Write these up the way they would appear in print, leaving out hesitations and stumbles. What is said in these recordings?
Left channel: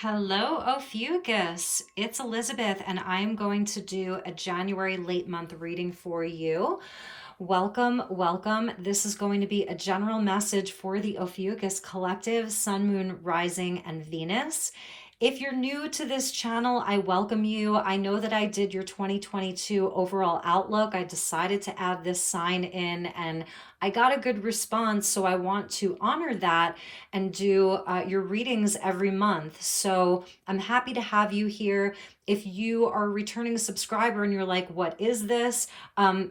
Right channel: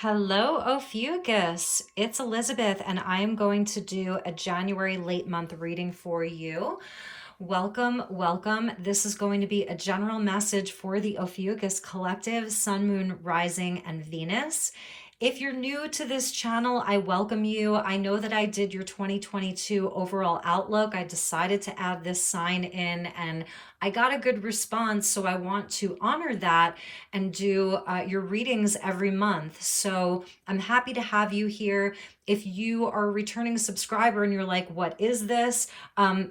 Hello, Ophiuchus. It's Elizabeth, and I'm going to do a January late month reading for you. Welcome, welcome. This is going to be a general message for the Ophiuchus Collective, Sun, Moon, Rising, and Venus. If you're new to this channel, I welcome you. I know that I did your 2022 overall outlook. I decided to add this sign in and I got a good response. So I want to honor that and do your readings every month. So I'm happy to have you here. If you are a returning subscriber and you're like, what is this?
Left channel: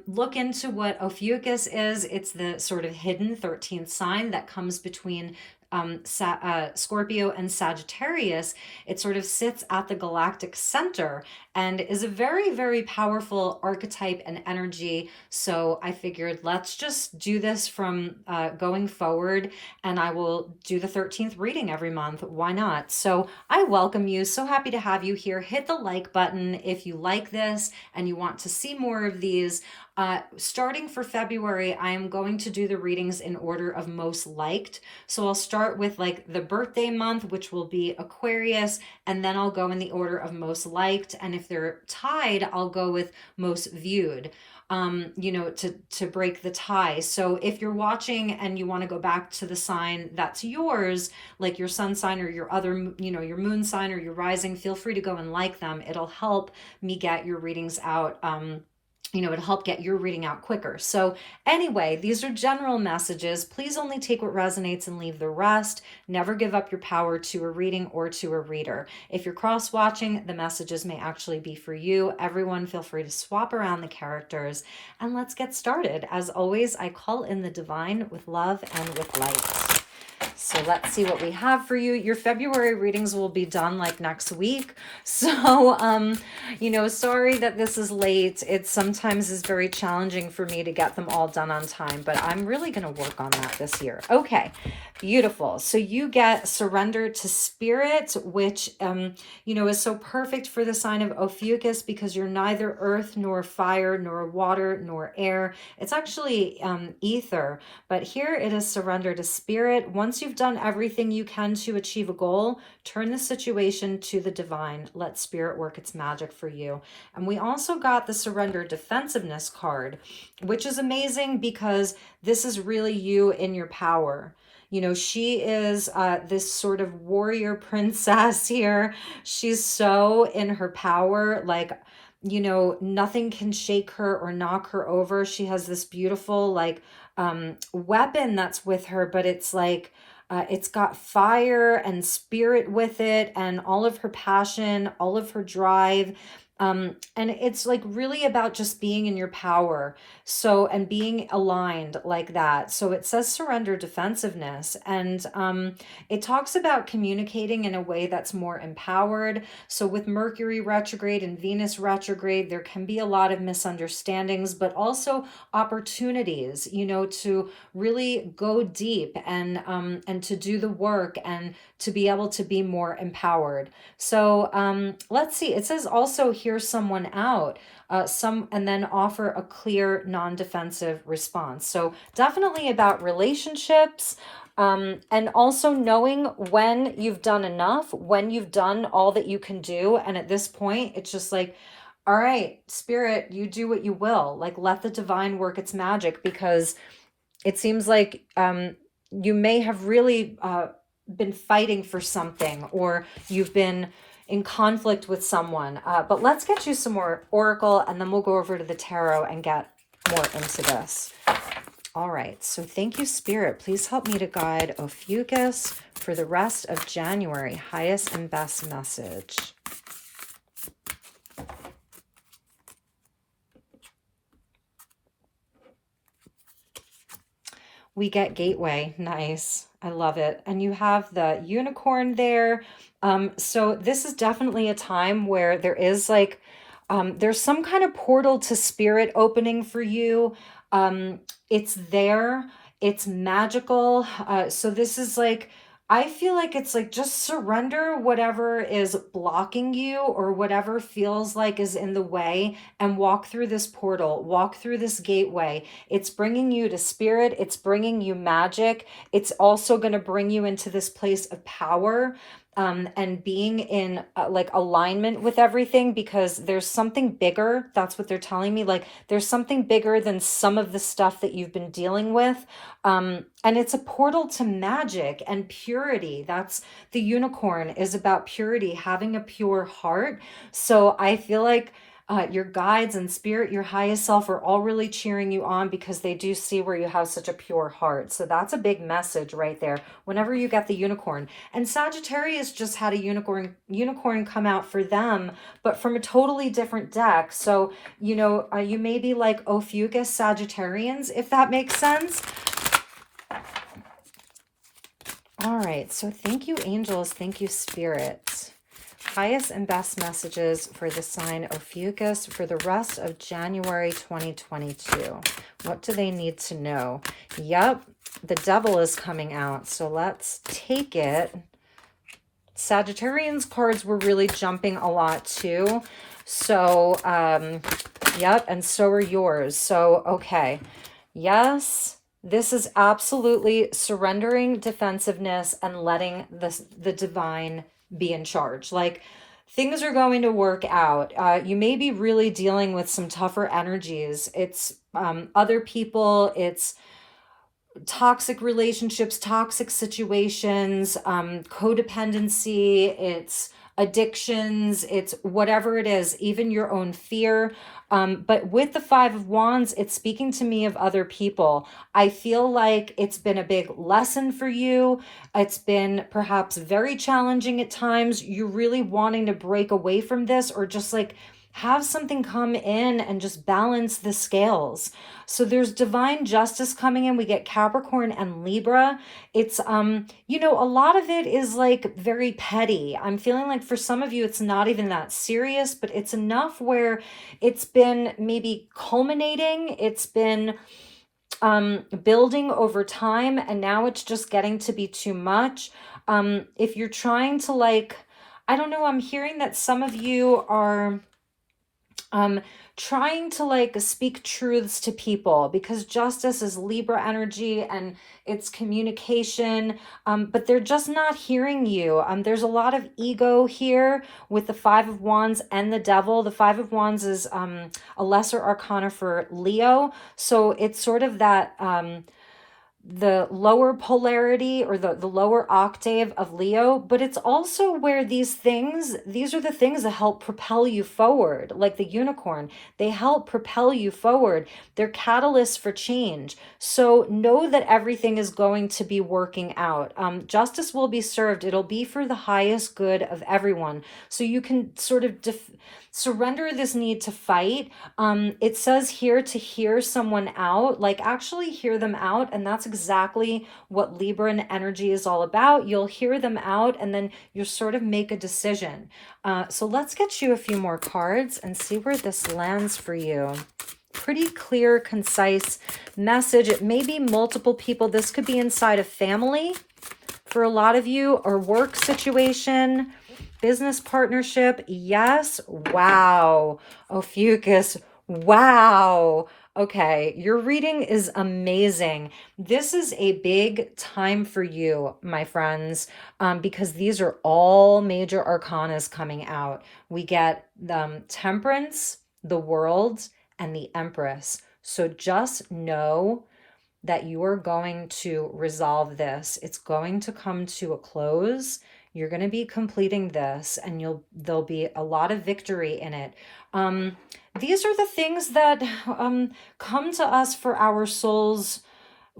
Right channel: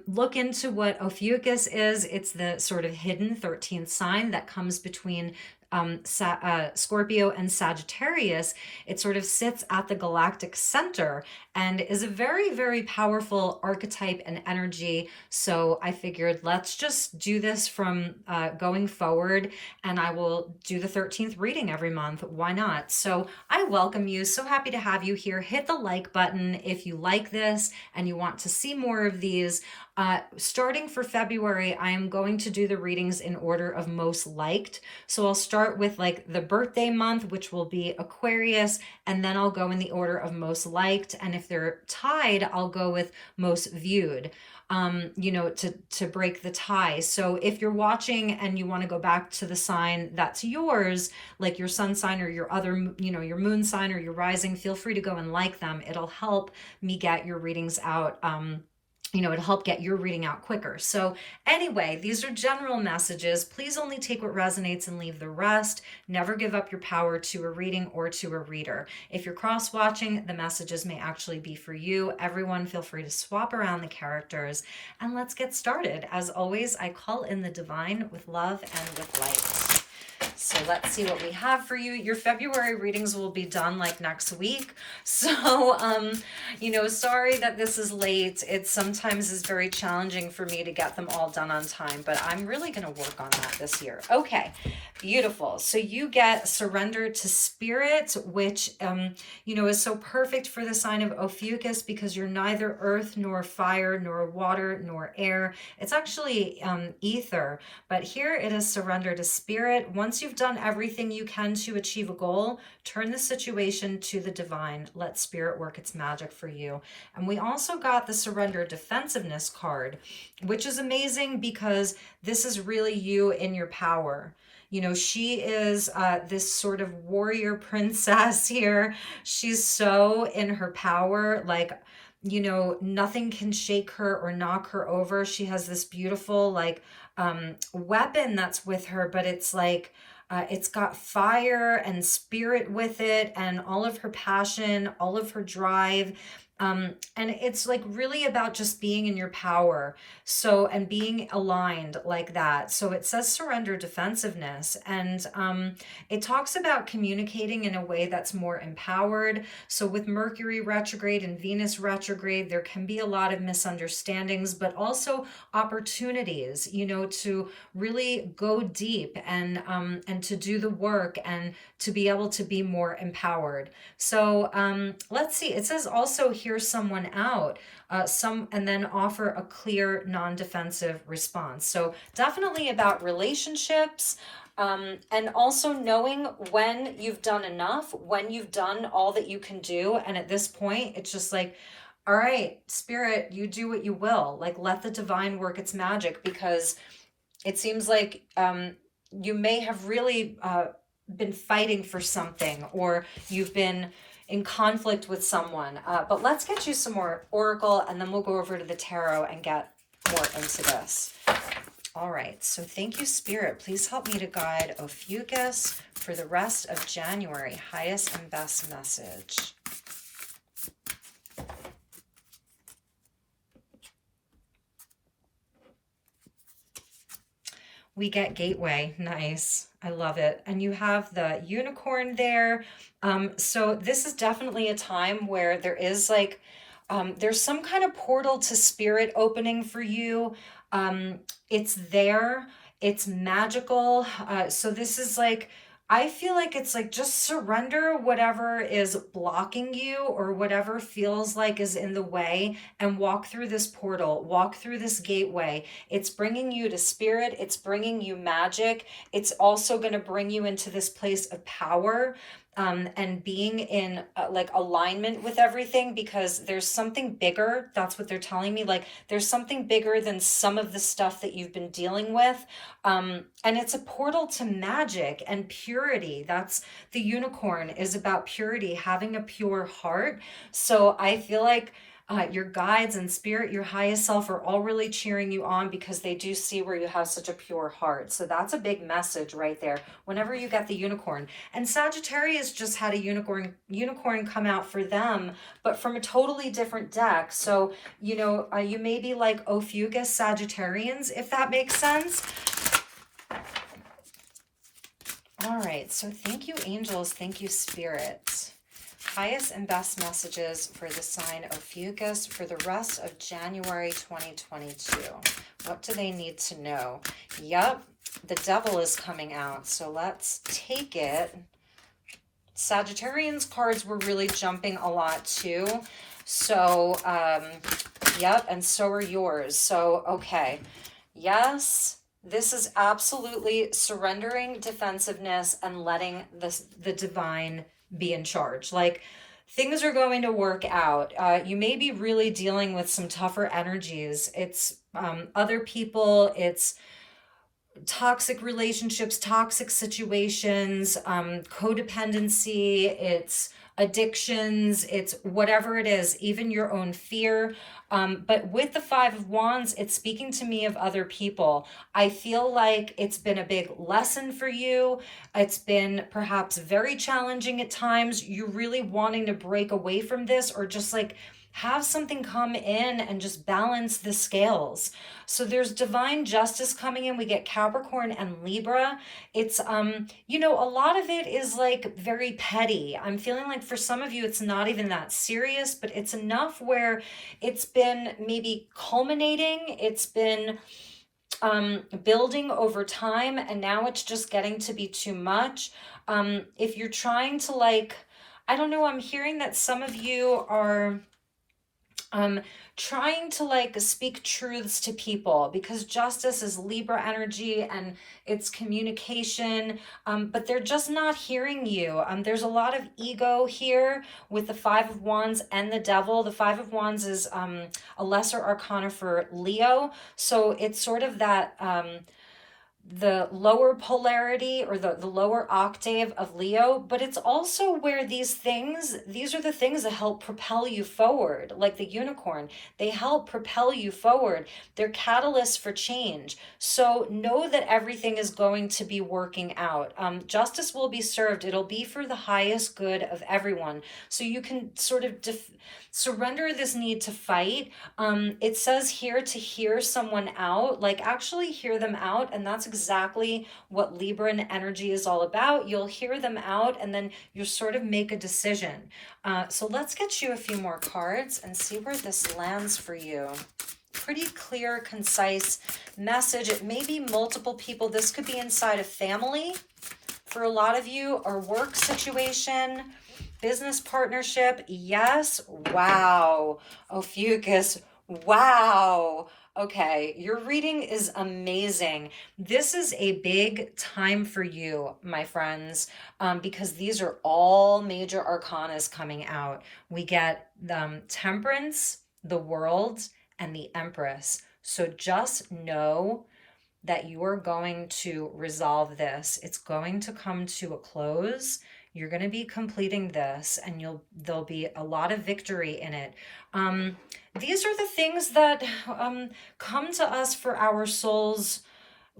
Look into what Ophiuchus is. It's the sort of hidden 13th sign that comes between Scorpio and Sagittarius. It sort of sits at the galactic center and is a very, very powerful archetype and energy. So I figured let's just do this from going forward, and I will do the 13th reading every month. Why not? So I welcome you. So happy to have you here. Hit the like button if you like this and you want to see more of these. Starting for February, I am going to do the readings in order of most liked. So I'll start with like the birthday month, which will be Aquarius, and then I'll go in the order of most liked. And if they're tied, I'll go with most viewed, to break the tie. So if you're watching and you want to go back to the sign that's yours, like your sun sign or your other, your moon sign or your rising, feel free to go and like them. It'll help me get your readings out. It'll help get your reading out quicker. So anyway, these are general messages. Please only take what resonates and leave the rest. Never give up your power to a reading or to a reader. If you're cross-watching, the messages may actually be for you. Everyone, feel free to swap around the characters and let's get started. As always, I call in the divine with love and with light. So let's see what we have for you. Your February readings will be done like next week. So, sorry that this is late. It sometimes is very challenging for me to get them all done on time, but I'm really going to work on that this year. Okay, beautiful. So you get Surrender to Spirit, which, is so perfect for the sign of Ophiuchus because you're neither earth nor fire nor water nor air. It's actually ether, but here it is Surrender to Spirit. Once you've done everything you can to achieve a goal, turn the situation to the divine. Let spirit work its magic for you. And we also got the Surrender Defensiveness card, which is amazing because this is really you in your power. She is this sort of warrior princess here. She's so in her power, like, nothing can shake her or knock her over. She has this beautiful, weapon that's with her, but it's like, it's got fire and spirit with it and all of her passion, all of her drive. And it's like really about just being in your power. So, and being aligned like that. So it says surrender defensiveness, and it talks about communicating in a way that's more empowered. So with Mercury retrograde and Venus retrograde, there can be a lot of misunderstandings, but also opportunities, to really go deep and to do the work and to be able to be more empowered. So let's see. It says also hear someone out, and then offer a clear, non-defensive response. So definitely about relationships, and also knowing when you've done enough, when you've done all that you can do. And at this point, it's just like, all right, spirit, you do what you will. Like, let the divine work its magic, because it seems like you may have really been fighting for something, or you've been in conflict with someone. But let's get you some more oracle, and then we'll go over to the tarot and get more into this. All right, so thank you, Spirit. Please help me to guide Ophiuchus for the rest of January. Highest and best message. We get Gateway. Nice. I love it. And you have the unicorn there. So this is definitely a time where there is like, there's some kind of portal to spirit opening for you. It's there. It's magical. So this is like, I feel like it's like just surrender whatever is blocking you or whatever feels like is in the way, and walk through this portal, walk through this gateway. It's bringing you to spirit. It's bringing you magic. It's also going to bring you into this place of power. and being in like alignment with everything, because there's something bigger. That's what they're telling me. Like there's something bigger than some of the stuff that you've been dealing with. And it's a portal to magic and purity. That's the unicorn is about purity, having a pure heart. So I feel like your guides and spirit, your highest self, are all really cheering you on because they do see where you have such a pure heart. So that's a big message right there. Whenever you get the unicorn, and Sagittarius just had a unicorn come out for them, but from a totally different deck. So you may be like Ophiuchus Sagittarians, if that makes sense. All right. So thank you, angels. Thank you, spirit. Highest and best messages for the sign Ophiuchus for the rest of January 2022. What do they need to know? Yep, the devil is coming out. So let's take it. Sagittarians cards were really jumping a lot too. So, yep, and so are yours. So, okay. Yes. This is absolutely surrendering defensiveness and letting the divine be in charge. Like things are going to work out. You may be really dealing with some tougher energies. It's other people, it's toxic relationships, toxic situations, codependency, it's addictions, it's whatever it is, even your own fear. But with the Five of Wands, it's speaking to me of other people. I feel like it's been a big lesson for you. It's been perhaps very challenging at times. You're really wanting to break away from this, or just like have something come in and just balance the scales. So there's divine justice coming in. We get Capricorn and Libra. It's, a lot of it is like very petty. I'm feeling like for some of you, it's not even that serious, but it's enough where it's been maybe culminating. It's been building over time, and now it's just getting to be too much. If you're trying to I don't know, I'm hearing that some of you are trying to speak truths to people, because justice is Libra energy and it's communication, but they're just not hearing you. There's a lot of ego here with the Five of Wands and the Devil. The Five of Wands is a lesser arcana for Leo, so it's sort of that the lower polarity, or the lower octave of Leo, but it's also where these are the things that help propel you forward, like the unicorn. They help propel you forward. They're catalysts for change. So know that everything is going to be working out. Justice will be served. It'll be for the highest good of everyone. So you can sort of surrender this need to fight. It says here to hear someone out, like actually hear them out. And that's exactly what Libran energy is all about. You'll hear them out and then you sort of make a decision. So let's get you a few more cards and see where this lands for you. Pretty clear, concise message. It may be multiple people. This could be inside a family for a lot of you, or work situation, business partnership. Yes. Wow. Ophiuchus. Wow. Okay. Your reading is amazing. This is a big time for you, my friends, because these are all major arcanas coming out. We get Temperance, the World, and the Empress. So just know that you are going to resolve this. It's going to come to a close. You're going to be completing this, and there'll be a lot of victory in it. These are the things that come to us for our soul's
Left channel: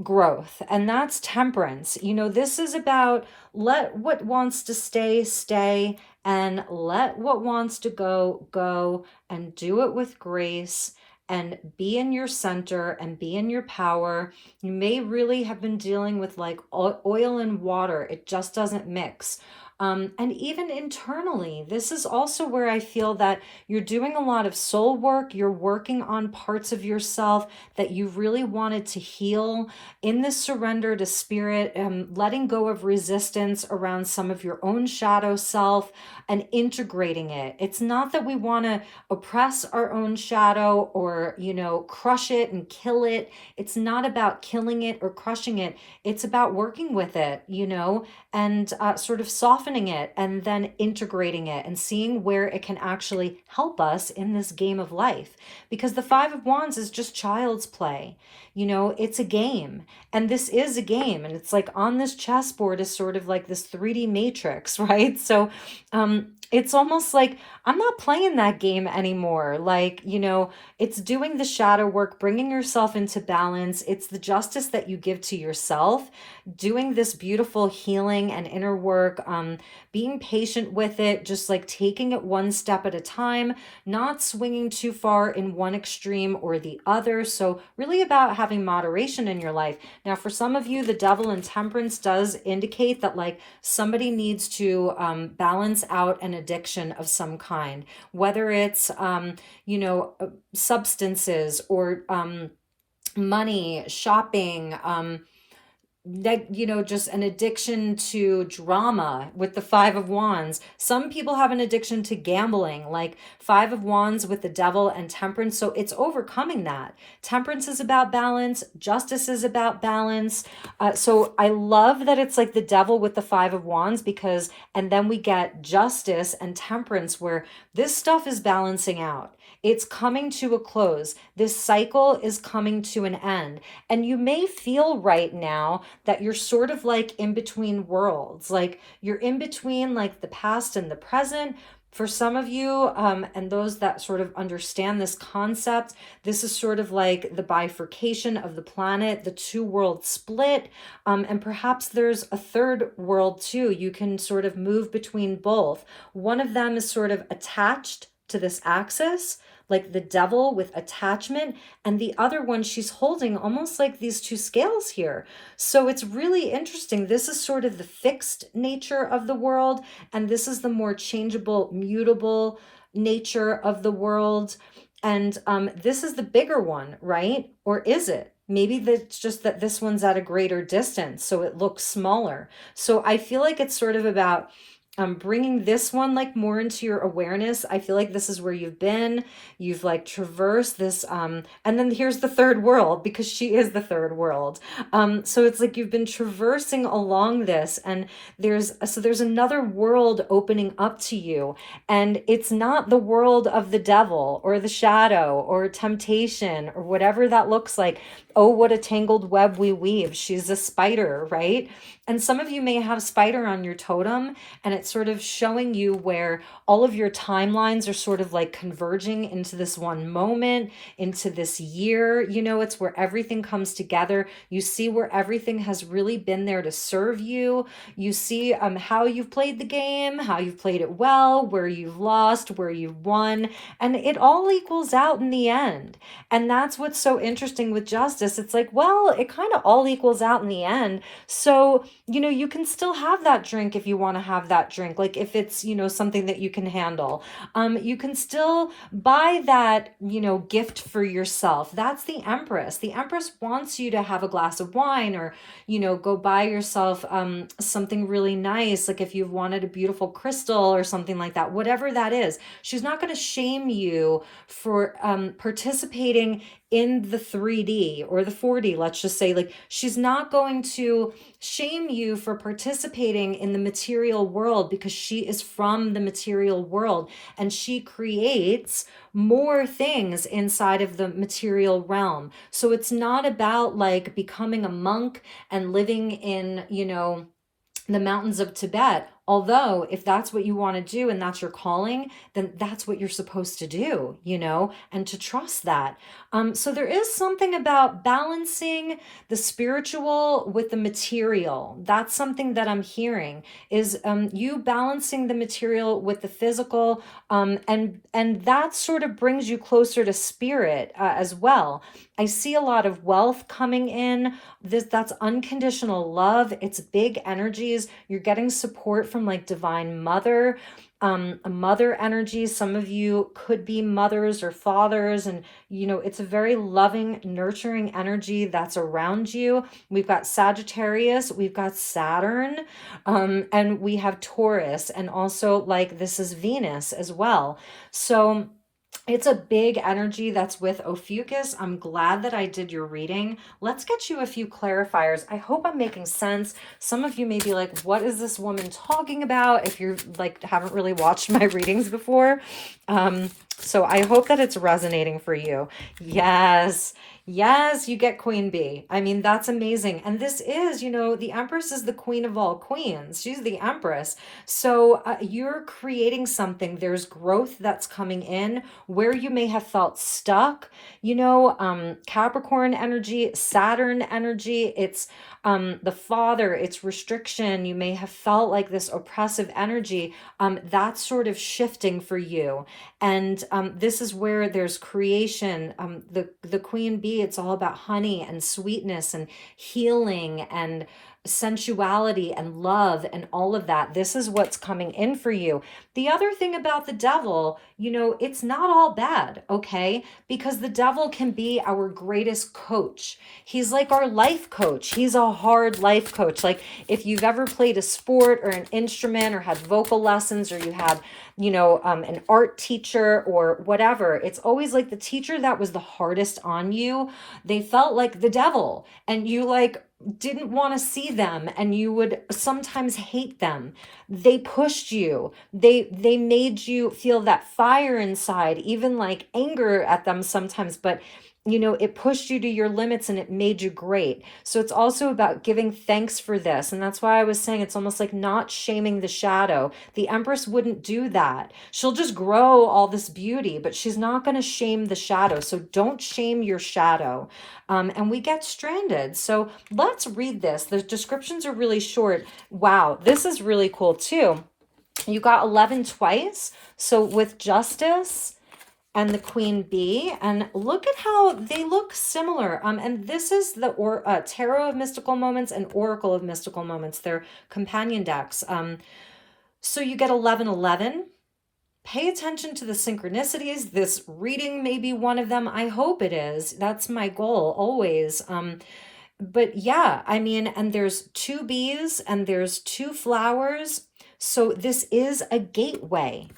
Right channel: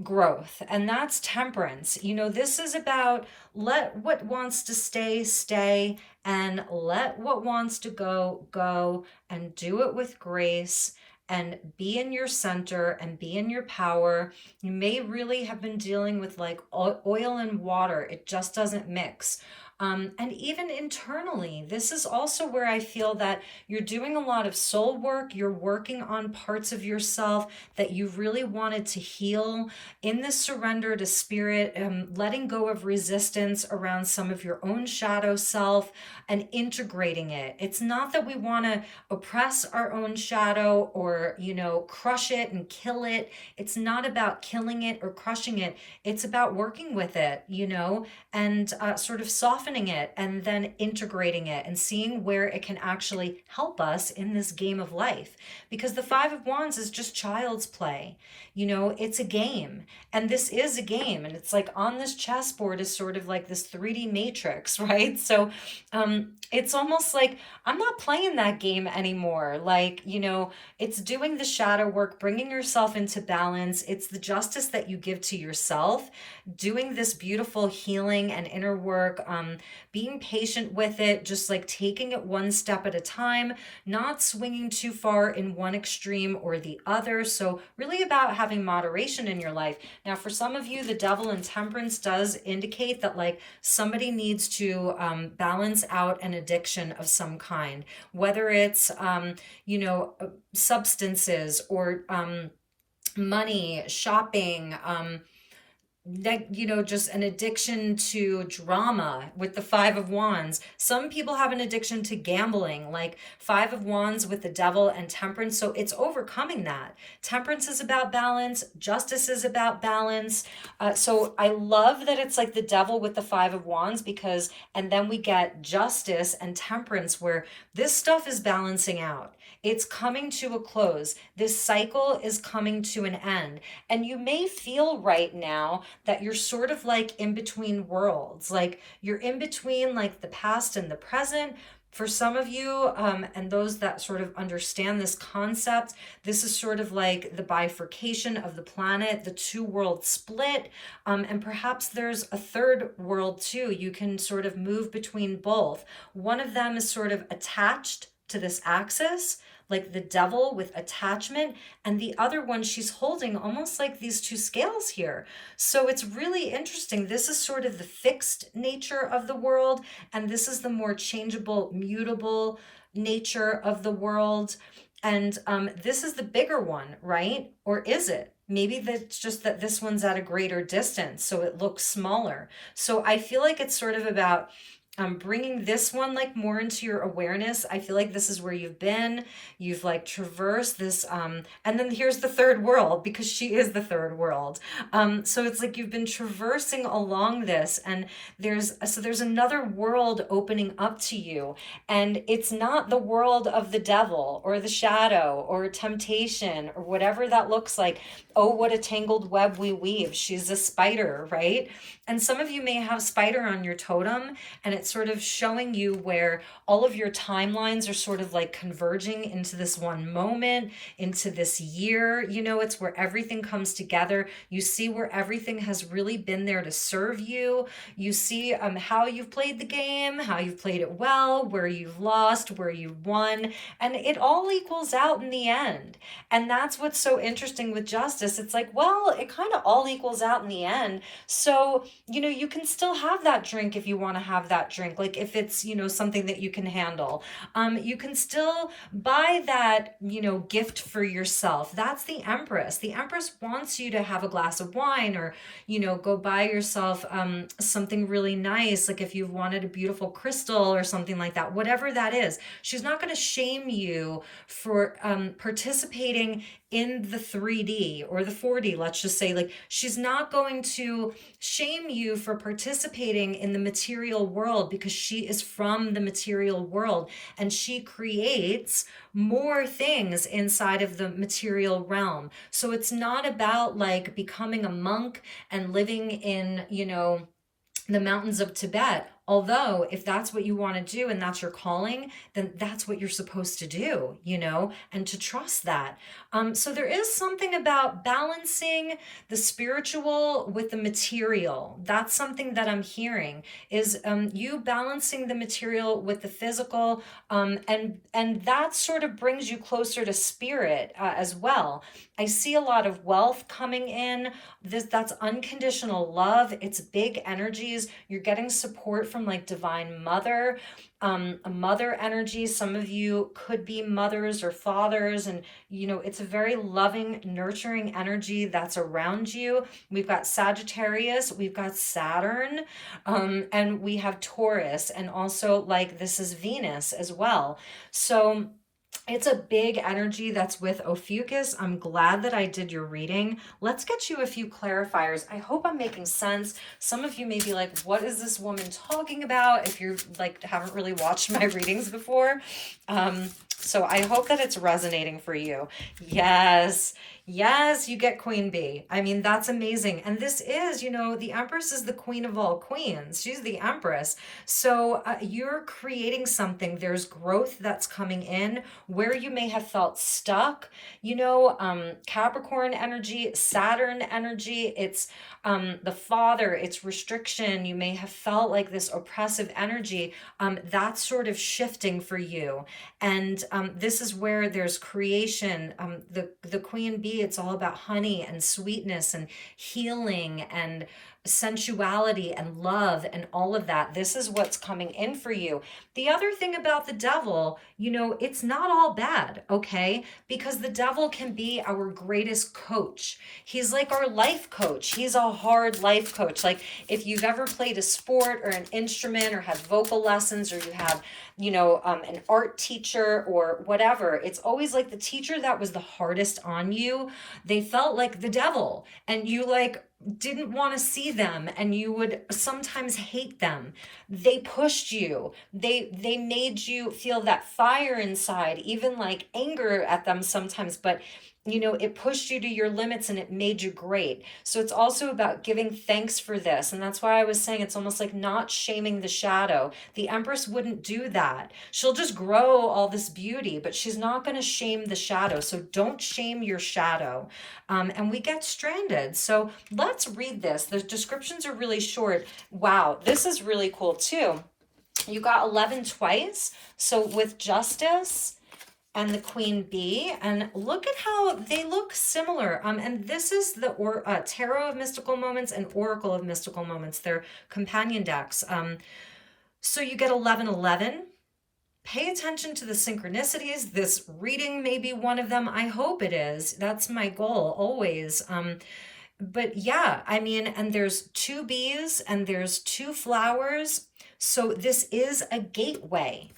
growth, and that's temperance. This is about let what wants to stay, stay, and let what wants to go, go, and do it with grace. And be in your center and be in your power. You may really have been dealing with oil and water. It just doesn't mix. And even internally, this is also where I feel that you're doing a lot of soul work. You're working on parts of yourself that you've really wanted to heal in this surrender to spirit, letting go of resistance around some of your own shadow self and integrating it. It's not that we want to oppress our own shadow or, crush it and kill it. It's not about killing it or crushing it. It's about working with it, and sort of softening softening it and then integrating it and seeing where it can actually help us in this game of life. Because the Five of Wands is just child's play. You know, it's a game, and this is a game, and it's like on this chessboard is sort of like this 3D matrix, right? So it's almost like I'm not playing that game anymore. Like, you know, it's doing the shadow work, bringing yourself into balance. It's the justice that you give to yourself, doing this beautiful healing and inner work, being patient with it, just like taking it one step at a time, not swinging too far in one extreme or the other. So really about having moderation in your life. Now, for some of you, the Devil in Temperance does indicate that like somebody needs to balance out an addiction of some kind, whether it's, you know, substances or money, shopping, like, you know, just an addiction to drama with the Five of Wands. Some people have an addiction to gambling, like Five of Wands with the Devil and Temperance. So it's overcoming that. Temperance is about balance. Justice is about balance. So I love that it's like the Devil with the Five of Wands, because, and then we get Justice and Temperance where this stuff is balancing out. It's coming to a close. This cycle is coming to an end. And you may feel right now that you're sort of like in between worlds. Like you're in between like the past and the present. For some of you, and those that sort of understand this concept, this is sort of like the bifurcation of the planet, the two world split. And perhaps there's a third world too. You can sort of move between both. One of them is sort of attached to this axis, like the Devil with attachment, and the other one she's holding almost like these two scales here. So it's really interesting. This is sort of the fixed nature of the world, and this is the more changeable, mutable nature of the world. And this is the bigger one, right? Or is it? Maybe that's just that this one's at a greater distance, so it looks smaller. So I feel like it's sort of about bringing this one like more into your awareness. I feel like this is where you've been. You've like traversed this, and then here's the third world, because she is the third world. So it's like you've been traversing along this, and there's another world opening up to you, and it's not the world of the devil or the shadow or temptation or whatever that looks like. Oh, what a tangled web we weave. She's a spider, right? And some of you may have spider on your totem, and it's sort of showing you where all of your timelines are sort of like converging into this one moment, into this year. You know, it's where everything comes together. You see where everything has really been there to serve you. You see how you've played the game, how you've played it well, where you've lost, where you've won, and it all equals out in the end. And that's what's so interesting with justice. It's like, well, it kind of all equals out in the end. So, you know, you can still have that drink if you want to have that drink. Like if it's, you know, something that you can handle, you can still buy that, you know, gift for yourself. That's the Empress. The Empress wants you to have a glass of wine, or, you know, go buy yourself something really nice. Like if you've wanted a beautiful crystal or something like that, whatever that is, she's not going to shame you for participating in the 3D or the 4D, let's just say. Like she's not going to shame you for participating in the material world, because she is from the material world and she creates more things inside of the material realm. So it's not about like becoming a monk and living in, you know, the mountains of Tibet. Although if that's what you want to do and that's your calling, then that's what you're supposed to do, you know, and to trust that. So there is something about balancing the spiritual with the material. That's something that I'm hearing, is you balancing the material with the physical, and that sort of brings you closer to spirit as well. I see a lot of wealth coming in. That's unconditional love. It's big energies. You're getting support from like Divine Mother, a mother energy. Some of you could be mothers or fathers, and you know, it's a very loving, nurturing energy that's around you. We've got Sagittarius, we've got Saturn, and we have Taurus, and also like this is Venus as well. So It's a big energy that's with Ophiuchus. I'm glad that I did your reading. Let's get you a few clarifiers. I hope I'm making sense. Some of you may be like, what is this woman talking about? If you're like, haven't really watched my readings before. So I hope that it's resonating for you. Yes. Yes, you get Queen Bee. I mean, that's amazing. And this is, you know, the Empress is the queen of all queens. She's the Empress. So you're creating something. There's growth that's coming in where you may have felt stuck. You know, Capricorn energy, Saturn energy, it's the father, it's restriction. You may have felt like this oppressive energy. That's sort of shifting for you. And this is where there's creation. The queen bee, it's all about honey and sweetness and healing and sensuality and love and all of that. This is what's coming in for you. The other thing about the devil, you know, it's not all bad, okay? Because the devil can be our greatest coach. He's like our life coach. He's a hard life coach. Like if you've ever played a sport or an instrument or had vocal lessons, or you had, you know, an art teacher or whatever, it's always like the teacher that was the hardest on you, they felt like the devil, and you like didn't want to see them, and you would sometimes hate them. They pushed you. They made you feel that fire inside, even like anger at them sometimes, but you know, it pushed you to your limits and it made you great. So it's also about giving thanks for this. And that's why I was saying it's almost like not shaming the shadow. The Empress wouldn't do that. She'll just grow all this beauty, but she's not going to shame the shadow. So don't shame your shadow. And we get stranded. So let's read this. The descriptions are really short. Wow, this is really cool too. You got 11 twice. So with Justice and the Queen Bee, and look at how they look similar. And this is the Tarot of Mystical Moments and Oracle of Mystical Moments. They're companion decks. So you get 1111. Pay attention to the synchronicities. This reading may be one of them. I hope it is. That's my goal always. But yeah, I mean, and there's 2 bees and there's 2 flowers. So this is a gateway.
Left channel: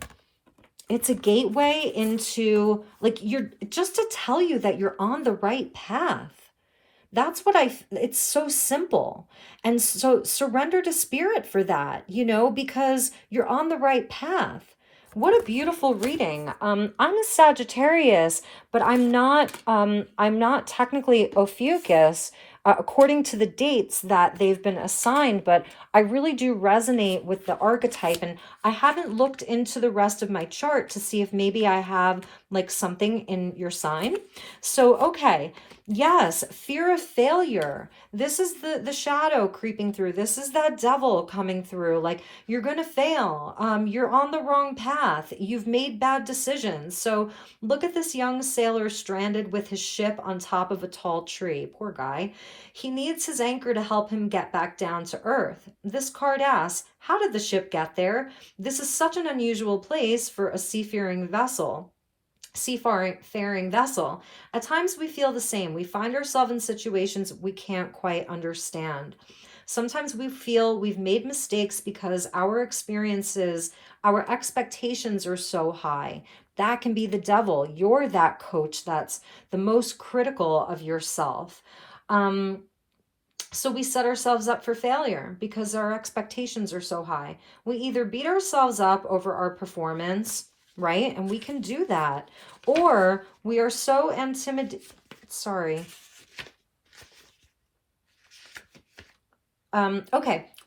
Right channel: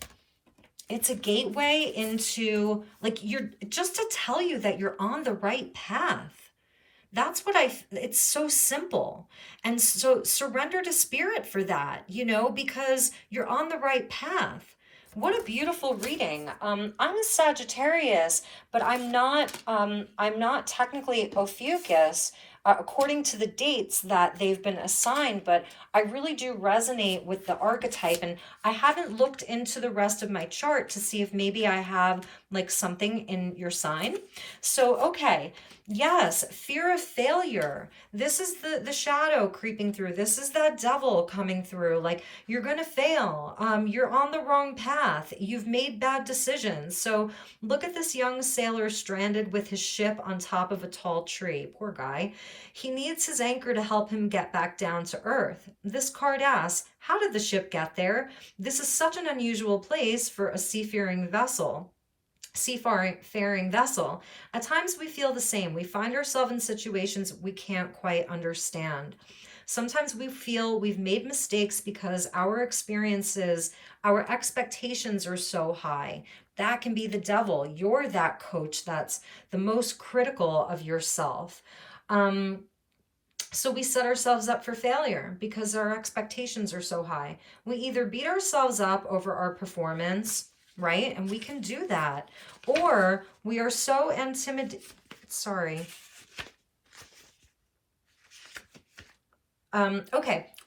It's a gateway into, like, you're just to tell you that you're on the right path. That's what it's so simple. And so surrender to spirit for that, you know, because you're on the right path. What a beautiful reading. I'm a Sagittarius, but I'm not technically Ophiuchus, according to the dates that they've been assigned, but I really do resonate with the archetype, and I haven't looked into the rest of my chart to see if maybe I have like something in your sign. So, okay. Yes, fear of failure. This is the shadow creeping through. This is that devil coming through. Like, you're going to fail. You're on the wrong path. You've made bad decisions. So look at this young sailor stranded with his ship on top of a tall tree. Poor guy. He needs his anchor to help him get back down to earth. This card asks, how did the ship get there? This is such an unusual place for a seafaring vessel. At times we feel the same. We find ourselves in situations we can't quite understand. Sometimes we feel we've made mistakes because our experiences, our expectations are so high. That can be the devil. You're that coach that's the most critical of yourself. So we set ourselves up for failure because our expectations are so high. We either beat ourselves up over our performance, right? And we can do that. Or we are so intimidated.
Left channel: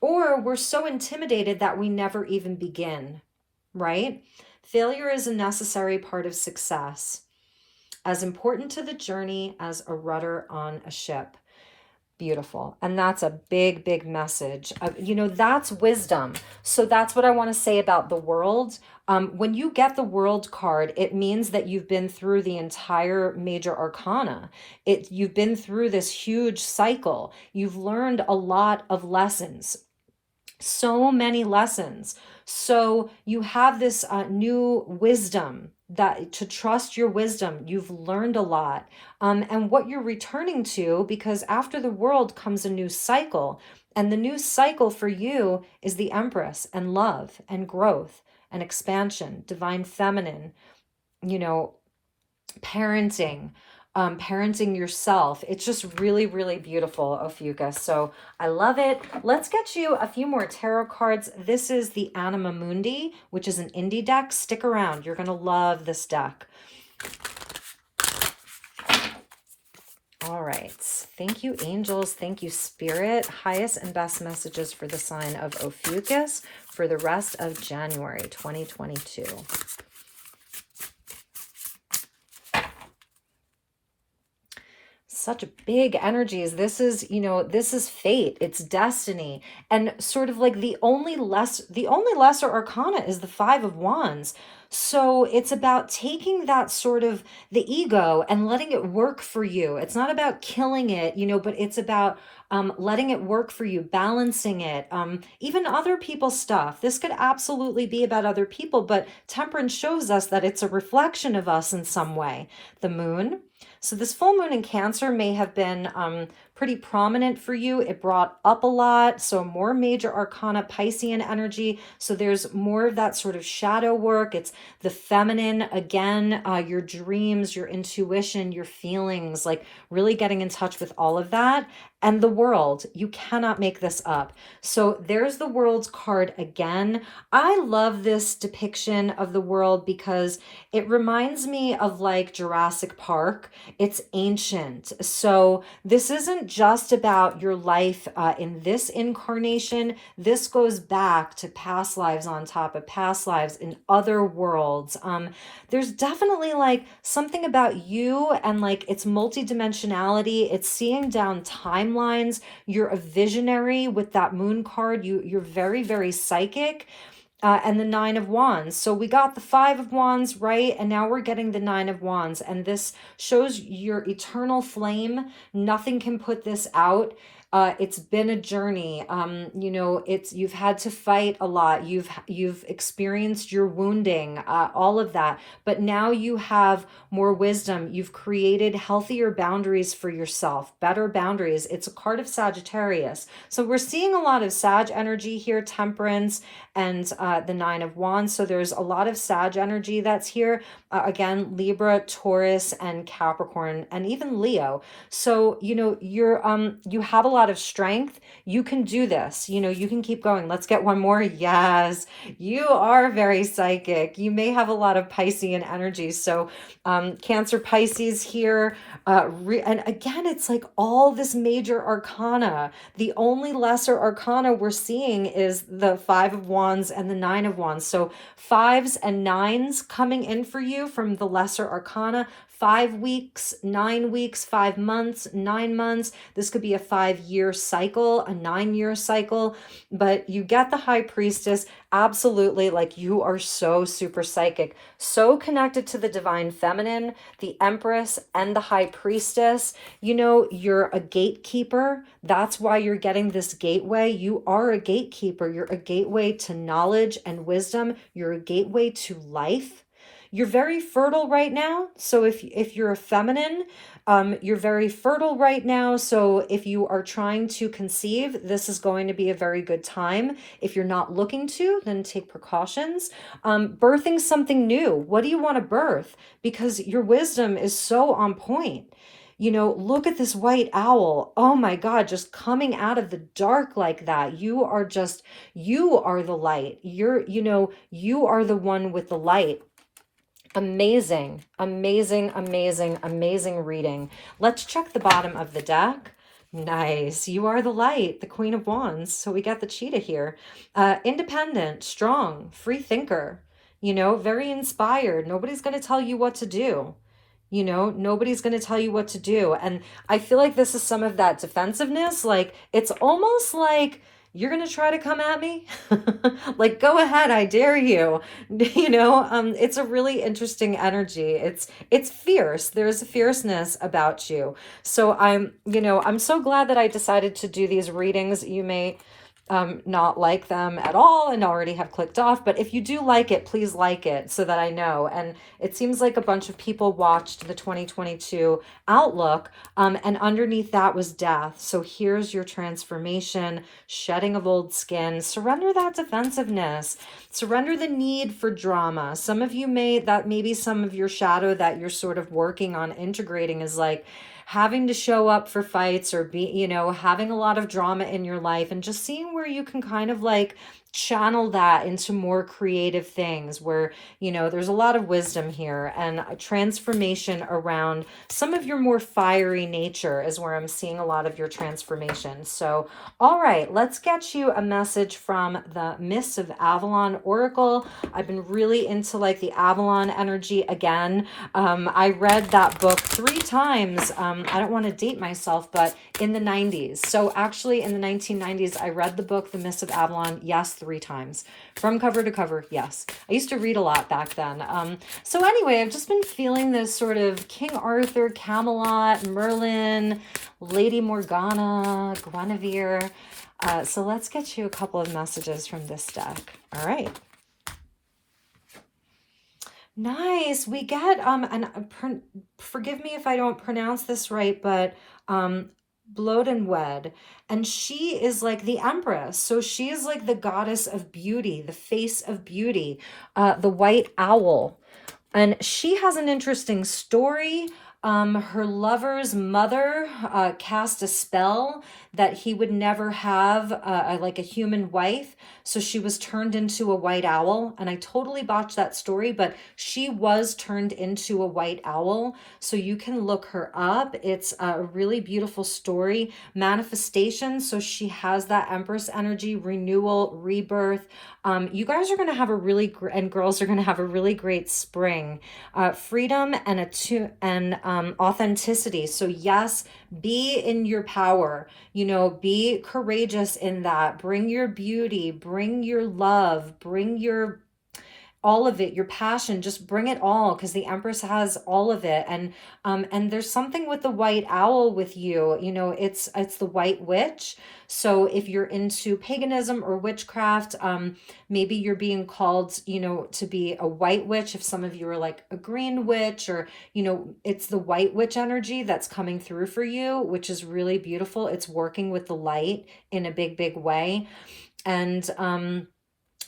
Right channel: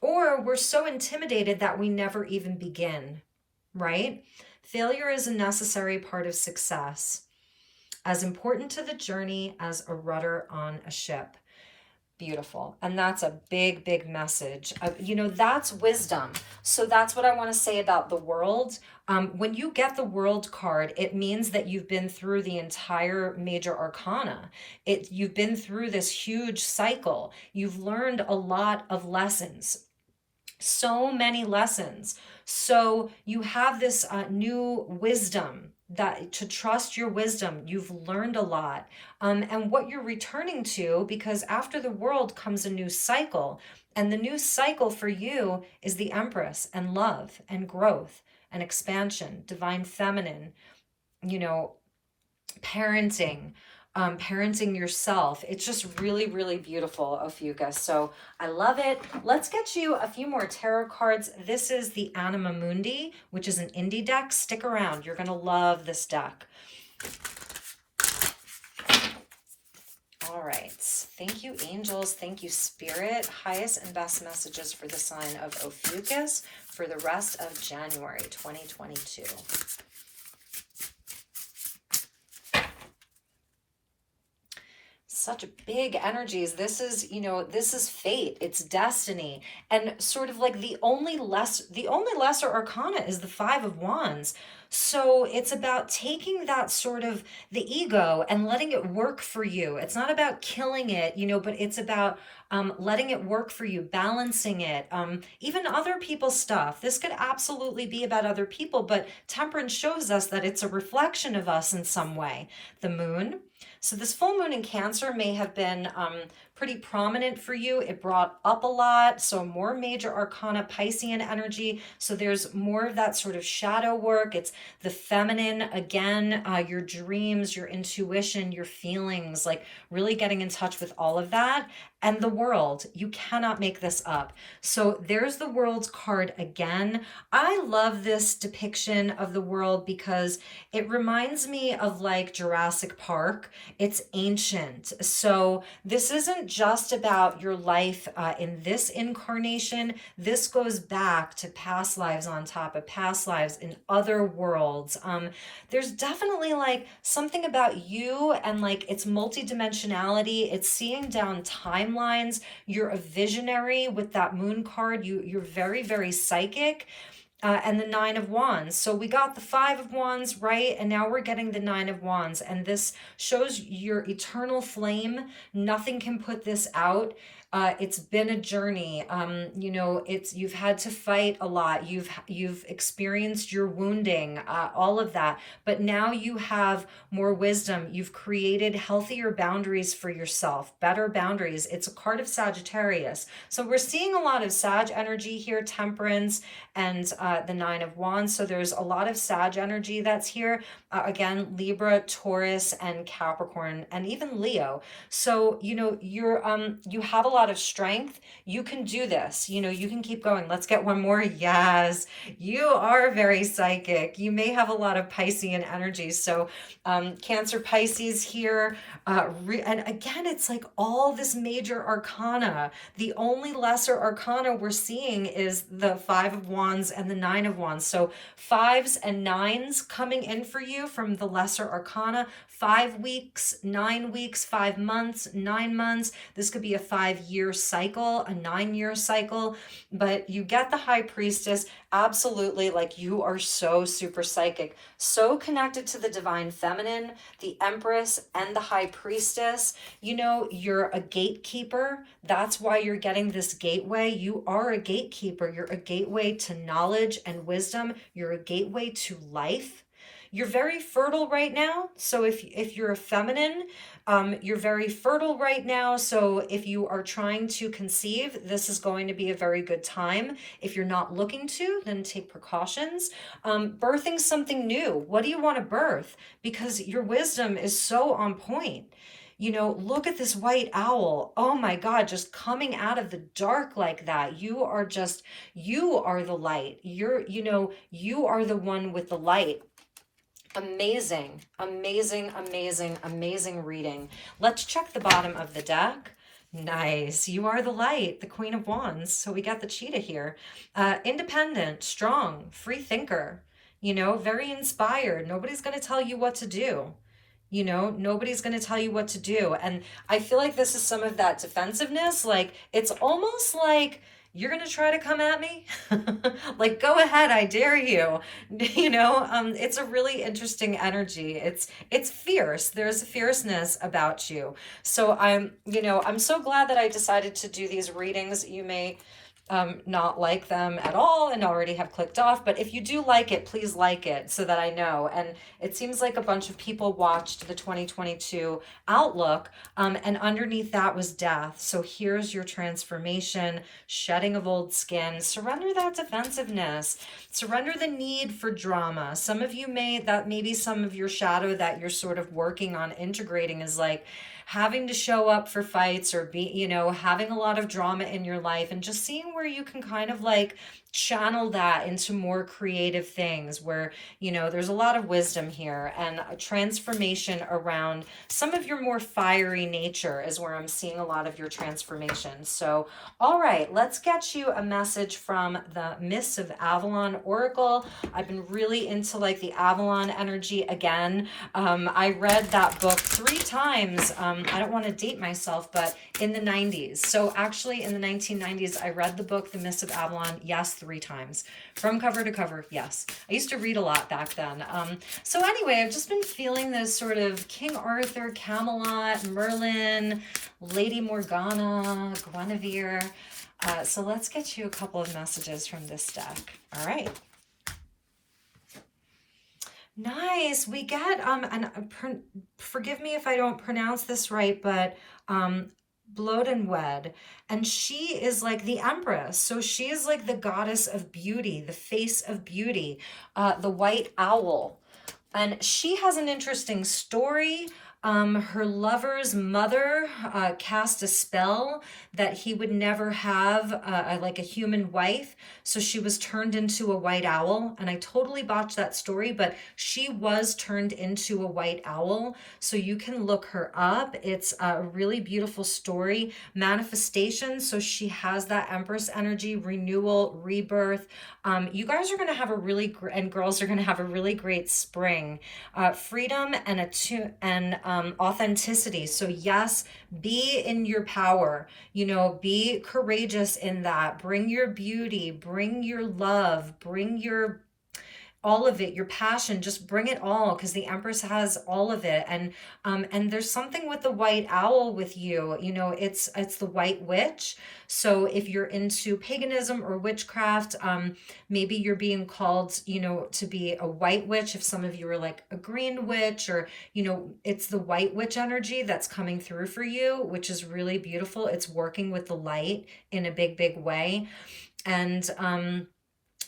Or we're so intimidated that we never even begin, right? Failure is a necessary part of success, as important to the journey as a rudder on a ship. Beautiful. And that's a big, big message. You know, that's wisdom. So that's what I want to say about the world. When you get the world card, it means that you've been through the entire major arcana. You've been through this huge cycle. You've learned a lot of lessons. So many lessons. So you have this new wisdom, that to trust your wisdom. You've learned a lot. And what you're returning to, because after the world comes a new cycle, and the new cycle for you is the Empress and love and growth and expansion, divine feminine, you know, parenting, parenting yourself. It's just really, really beautiful, Ophiuchus. So I love it. Let's get you a few more tarot cards. This is the Anima Mundi, which is an indie deck. Stick around. You're going to love this deck. All right. Thank you, angels. Thank you, spirit. Highest and best messages for the sign of Ophiuchus for the rest of January 2022. Such big energies. This is, you know, this is fate. It's destiny. And sort of like the only lesser arcana is the Five of Wands. So it's about taking that sort of the ego and letting it work for you. It's not about killing it, you know, but it's about letting it work for you, balancing it, even other people's stuff. This could absolutely be about other people, but temperance shows us that it's a reflection of us in some way. The moon. So this full moon in Cancer may have been pretty prominent for you. It brought up a lot. So more major arcana, Piscean energy. So there's more of that sort of shadow work. It's the feminine, again, your dreams, your intuition, your feelings, like really getting in touch with all of that. And the world, you cannot make this up. So there's the world's card again. I love this depiction of the world because it reminds me of like Jurassic Park. It's ancient. So this isn't just about your life in this incarnation. This goes back to past lives on top of past lives in other worlds. There's definitely like something about you and like its multidimensionality. It's seeing down timelines. You're a visionary with that moon card. You're very, very psychic. And the Nine of Wands. So we got the Five of Wands, right? And now we're getting the Nine of Wands. And this shows your eternal flame. Nothing can put this out. It's been a journey. You know, you've had to fight a lot. You've experienced your wounding, all of that. But now you have more wisdom. You've created healthier boundaries for yourself, better boundaries. It's a card of Sagittarius. So we're seeing a lot of Sag energy here, Temperance and the Nine of Wands. So there's a lot of Sag energy that's here. Again, Libra, Taurus, and Capricorn, and even Leo. So, you know, you have a lot of strength. You can do this. You know, you can keep going. Let's get one more. Yes, you are very psychic. You may have a lot of Piscean energy. So Cancer, Pisces here. And again, it's like all this major arcana. The only lesser arcana we're seeing is the Five of Wands and the Nine of Wands. So fives and nines coming in for you from the lesser arcana. 5 weeks, 9 weeks, 5 months, 9 months. This could be a 5-year cycle, a 9-year cycle, but you get the High Priestess. Absolutely, like you are so super psychic, so connected to the divine feminine, the Empress and the High Priestess. You know, you're a gatekeeper. That's why you're getting this gateway. You are a gatekeeper. You're a gateway to knowledge and wisdom. You're a gateway to life. You're very fertile right now. So if you're a feminine, you're very fertile right now. So if you are trying to conceive, this is going to be a very good time. If you're not looking to, then take precautions. Birthing something new. What do you want to birth? Because your wisdom is so on point. You know, look at this white owl. Oh my God, just coming out of the dark like that. You are the light. You are the one with the light. Amazing, amazing, amazing, amazing reading. Let's check the bottom of the deck. Nice. You are the light, the Queen of Wands. So we got the cheetah here. Independent, strong, free thinker, you know, very inspired. Nobody's going to tell you what to do. You know, nobody's going to tell you what to do. And I feel like this is some of that defensiveness. Like, it's almost like, you're going to try to come at me? Like, go ahead, I dare you. You know, it's a really interesting energy. It's fierce. There's a fierceness about you. So I'm so glad that I decided to do these readings. You may not like them at all and already have clicked off. But if you do like it, please like it so that I know. And it seems like a bunch of people watched the 2022 Outlook, and underneath that was death. So here's your transformation, shedding of old skin, surrender that defensiveness, surrender the need for drama. Some of you maybe some of your shadow that you're sort of working on integrating is like, having to show up for fights or having a lot of drama in your life, and just seeing where you can kind of like channel that into more creative things where, there's a lot of wisdom here, and a transformation around some of your more fiery nature is where I'm seeing a lot of your transformation. So, all right, let's get you a message from the Mists of Avalon Oracle. I've been really into like the Avalon energy again. I read that book 3 times. I don't want to date myself, but in the 90s. So actually in the 1990s, I read the book, The Mists of Avalon, yes, 3 times. From cover to cover, yes. I used to read a lot back then. So anyway, I've just been feeling this sort of King Arthur, Camelot, Merlin, Lady Morgana, Guinevere. So let's get you a couple of messages from this deck. All right. Nice. We get, forgive me if I don't pronounce this right, but Wed, and she is like the Empress. So she is like the goddess of beauty, the face of beauty, the white owl. And she has an interesting story. Her lover's mother cast a spell that he would never have like a human wife. So she was turned into a white owl. And I totally botched that story, but she was turned into a white owl. So you can look her up. It's a really beautiful story. Manifestation. So she has that Empress energy, renewal, rebirth. You guys are going to have a really, and girls are going to have a really great spring. Freedom and authenticity. So yes, be in your power, be courageous in that. Bring your beauty, bring your love, bring your all of it, your passion, just bring it all, because the Empress has all of it. And there's something with the white owl with you, it's the white witch. So if you're into paganism or witchcraft, maybe you're being called, to be a white witch. If some of you are like a green witch, or, it's the white witch energy that's coming through for you, which is really beautiful. It's working with the light in a big, big way. And,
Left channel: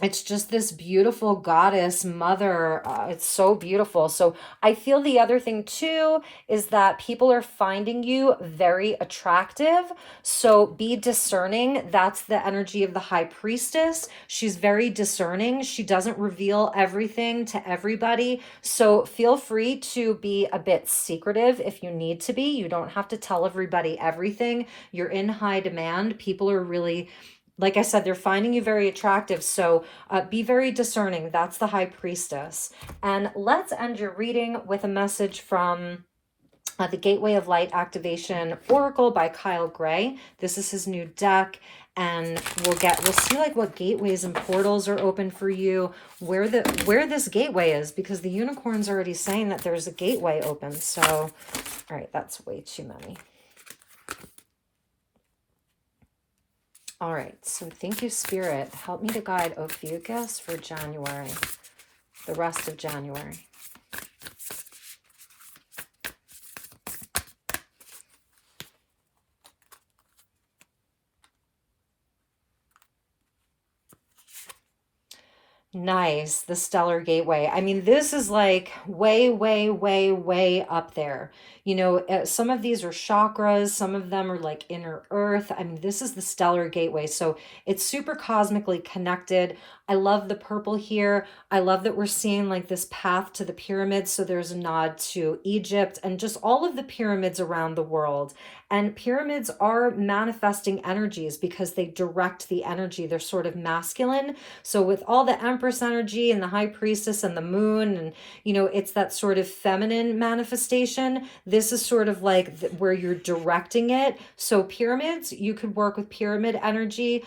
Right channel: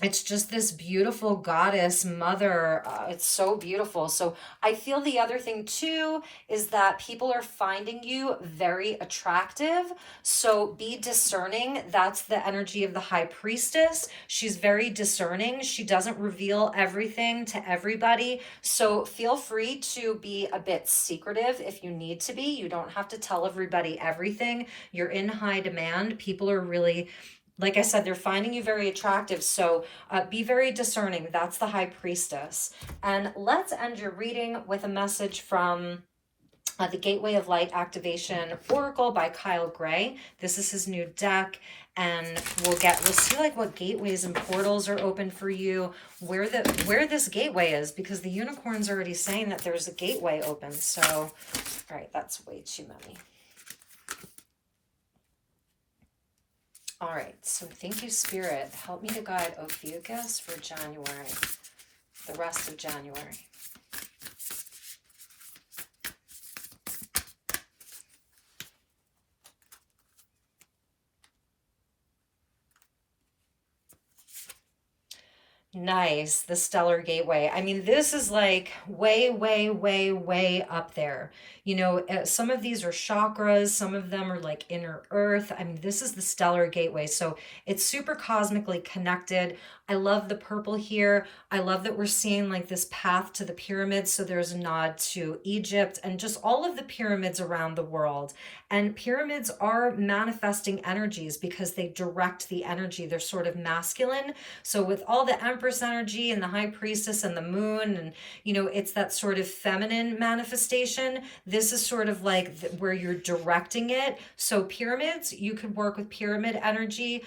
it's just this beautiful goddess mother. It's so beautiful. So I feel the other thing too is that people are finding you very attractive. So be discerning. That's the energy of the high priestess. She's very discerning. She doesn't reveal everything to everybody. So feel free to be a bit secretive if you need to be. You don't have to tell everybody everything. You're in high demand. People are really, like I said, they're finding you very attractive. So be very discerning. That's the high priestess. And let's end your reading with a message from the Gateway of Light Activation Oracle by Kyle Gray. This is his new deck. And we'll see like what gateways and portals are open for you, where this gateway is, because the unicorn's already saying that there's a gateway open. So, all right, that's way too many. All right, so thank you, Spirit. Help me to guide Ophiuchus for January, the rest of January. Nice, the Stellar Gateway. I mean, this is like way, way, way, way up there. Some of these are chakras, some of them are like inner earth. I mean, this is the Stellar Gateway. So it's super cosmically connected. I love the purple here. I love that we're seeing like this path to the pyramids. So there's a nod to Egypt and just all of the pyramids around the world. And pyramids are manifesting energies because they direct the energy. They're sort of masculine. So with all the Empress energy and the High Priestess and the moon, and, it's that sort of feminine manifestation. This is sort of like where you're directing it. So pyramids, you could work with pyramid energy.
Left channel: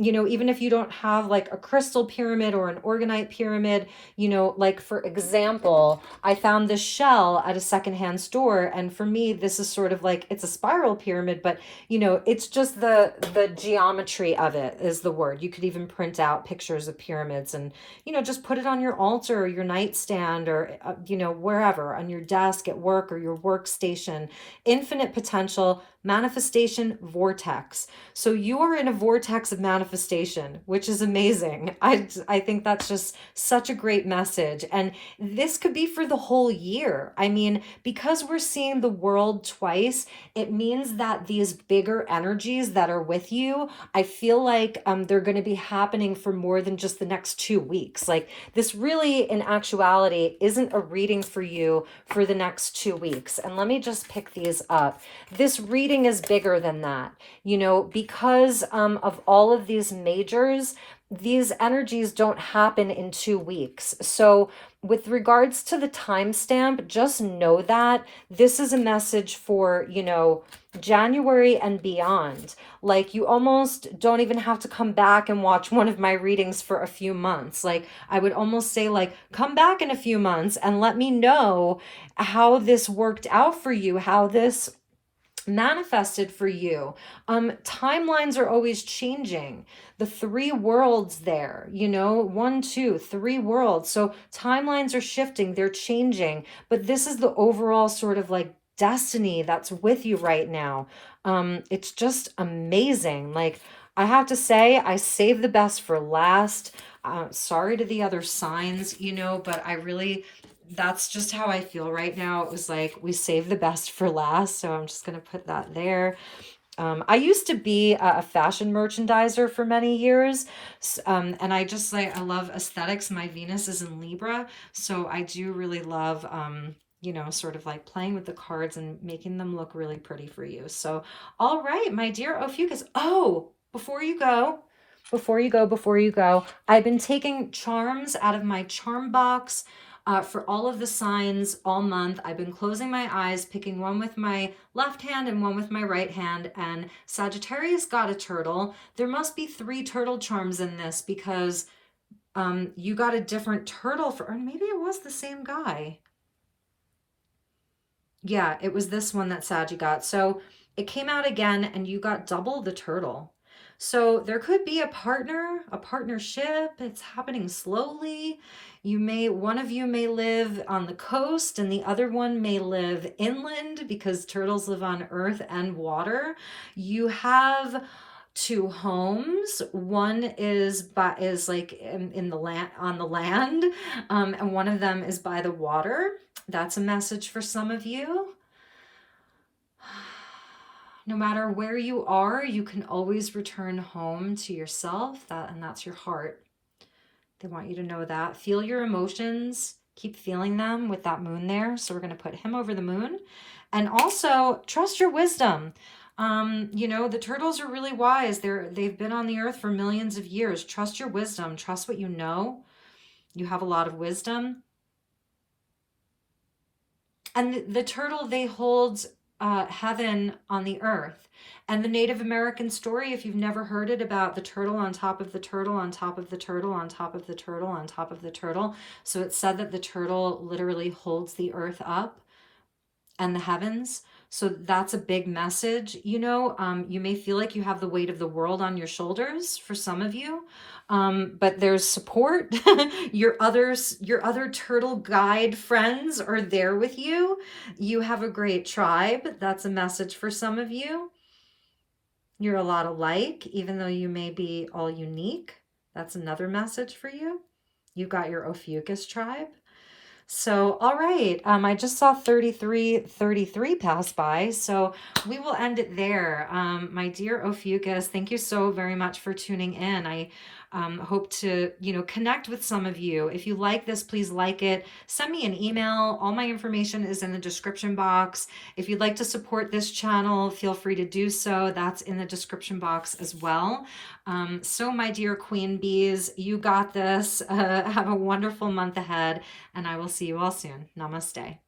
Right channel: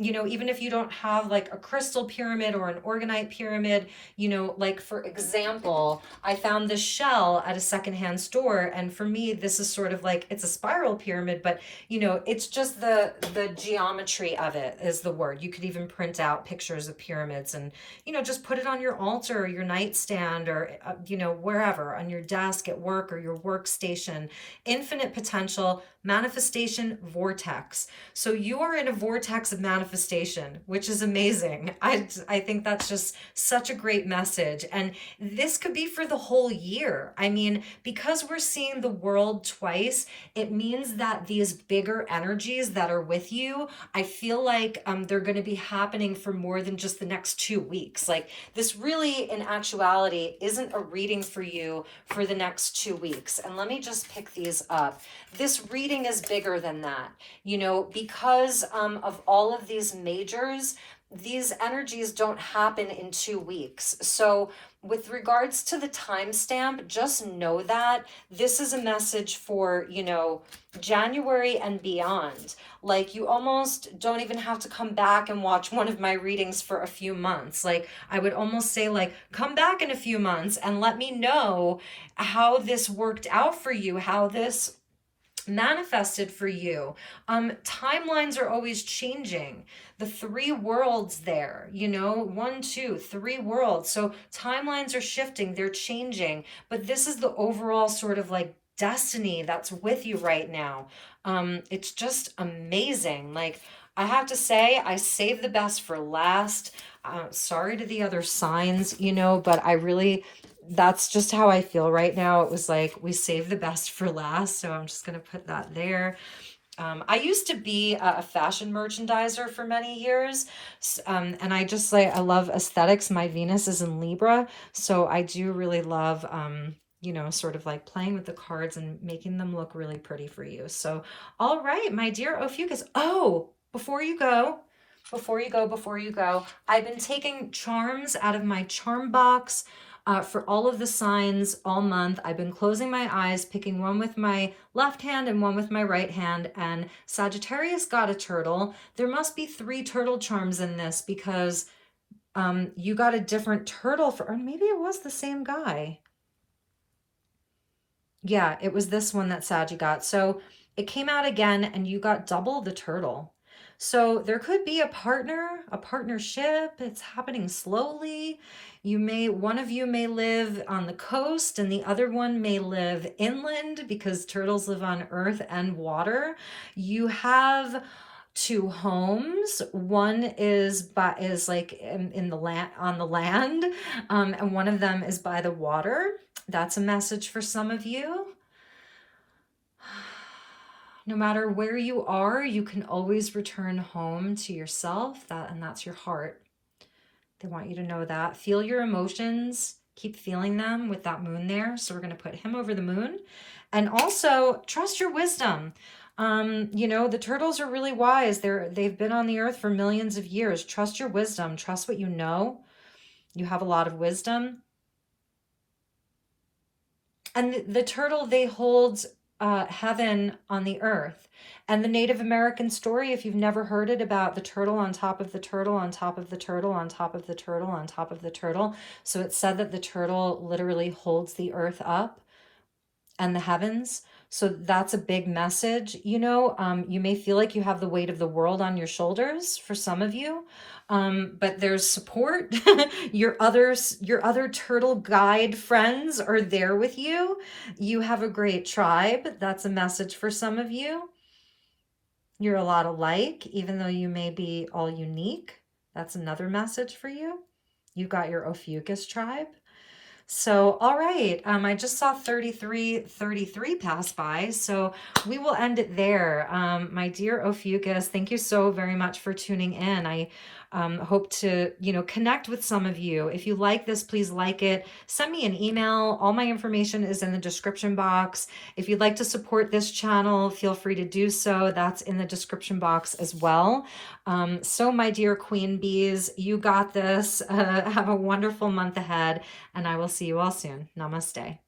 you know, even if you don't have like a crystal pyramid or an organite pyramid, you know, like for example, I found this shell at a secondhand store, and for me, this is sort of like, it's a spiral pyramid, but you know, it's just the geometry of it is the word. You could even print out pictures of pyramids and, you know, just put it on your altar or your nightstand or, you know, wherever, on your desk at work or your workstation. Infinite potential, manifestation, vortex. So you are in a vortex of manifestation, which is amazing. I think that's just such a great message. And this could be for the whole year. I mean, because we're seeing the world twice, it means that these bigger energies that are with you, I feel like they're going to be happening for more than just the next 2 weeks. Like this really, in actuality, isn't a reading for you for the next 2 weeks. And let me just pick these up. This reading is bigger than that, you know, because of all of these majors, these energies don't happen in 2 weeks. So with regards to the timestamp, just know that this is a message for, you know, January and beyond. Like you almost don't even have to come back and watch one of my readings for a few months. Like I would almost say, like, come back in a few months and let me know how this worked out for you, how this manifested for you. Timelines are always changing. The 3 worlds there, you know, 1, 2, 3 worlds. So timelines are shifting, they're changing, but this is the overall sort of like destiny that's with you right now. It's just amazing. Like I have to say, I saved the best for last. Sorry to the other signs, you know, but I really, that's just how I feel right now. It was like we saved the best for last, so I'm just going to put that there. I used to be a fashion merchandiser for many years, and I just like, I love aesthetics. My Venus is in Libra, so I do really love, you know, sort of like playing with the cards and making them look really pretty for you. So, all right, my dear Ophiuchus. Oh, before you go, I've been taking charms out of my charm box for all of the signs all month. I've been closing my eyes, picking one with my left hand and one with my right hand, and Sagittarius got a turtle. There must be 3 turtle charms in this because you got a different turtle for, or maybe it was the same guy. Yeah, it was this one that Saggy got. So it came out again and you got double the turtle. So there could be a partner, a partnership. It's happening slowly. One of you may live on the coast and the other one may live inland because turtles live on earth and water. You have 2 homes. One is like in the land, on the land, and one of them is by the water. That's a message for some of you. No matter where you are, you can always return home to yourself, and that's your heart. They want you to know that. Feel your emotions. Keep feeling them with that moon there. So we're going to put him over the moon. And also trust your wisdom. You know, the turtles are really wise. They've been on the earth for millions of years. Trust your wisdom. Trust what you know. You have a lot of wisdom. And the turtle, they hold heaven on the earth. And the Native American story, if you've never heard it, about the turtle on top of the turtle on top of the turtle on top of the turtle on top of the turtle. So it's said that the turtle literally holds the earth up and the heavens. So that's a big message. You know, you may feel like you have the weight of the world on your shoulders for some of you, but there's support. Your other turtle guide friends are there with you. You have a great tribe. That's a message for some of you. You're a lot alike, even though you may be all unique. That's another message for you. You've got your Ophiuchus tribe. So, all right, I just saw 3333 pass by, so we will end it there. My dear Ophiuchus, thank you so very much for tuning in. I hope to, you know, connect with some of you. If you like this, please like it. Send me an email. All my information is in the description box. If you'd like to support this channel, feel free to do so. That's in the description box as well. So my dear queen bees, you got this. Have a wonderful month ahead, and I will see you all soon. Namaste.